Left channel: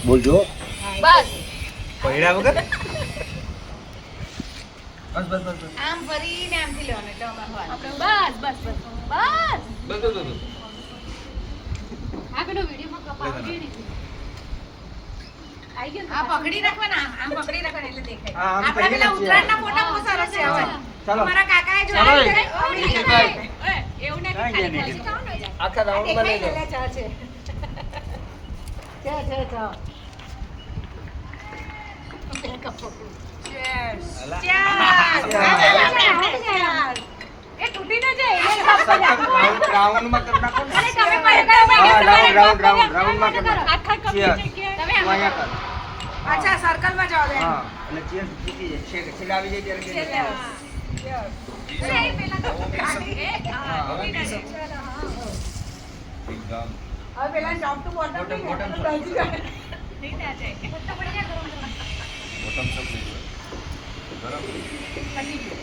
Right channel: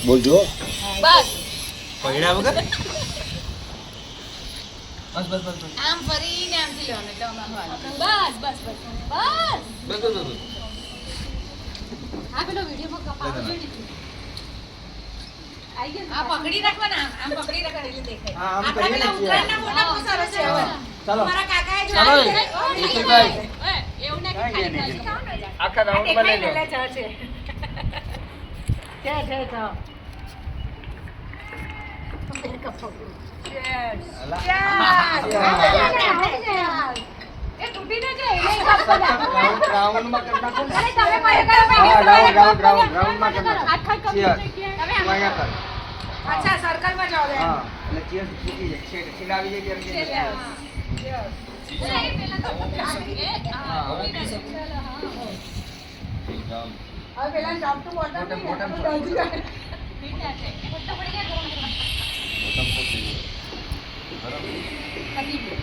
બોલજો બસ પૈડા વગર બસ બસ બસ બસ આમ ફરીને આમથી લેવાનું એટલે અમારું બસ બસ બસ બસ બસ બસ આ પેલો વિડીયોમાં કપાવ લે આઈ ગયો આ પકડી રાખવાના આમ પકડી રાખવાના એટલે દેખાય હા, આમ આપણા કરીને પેલા જ ઉત્તરાયણના ફોટા બહુ સરસ છે હવે ચાલો મારા કાકાએ ચાલો જોયા છે નિખિલભાઈ એવું કાંઈ ગયા નહીં. આખા રાઉન્ડ માં લઈ લો છે એ તૂટી ન જાય રાઉન્ડ માં કરી નાખો ને તમે પણ હા રાઉન્ડ માં કરી નાખો ચીયર અહીંયા કર અચ્છા સર્કલમાં જાઓ લે હા એટલે ચીયર ચૂકી જાય છેલ્લે આવી જાય ત્યારે છેલ્લે કે અરે એ પેલા તો હવે પેલા ટોપ ટુ બોટમ નહીં ને તો ડજી જાય બોટમ તક નહીં ગરમ પતી ગયું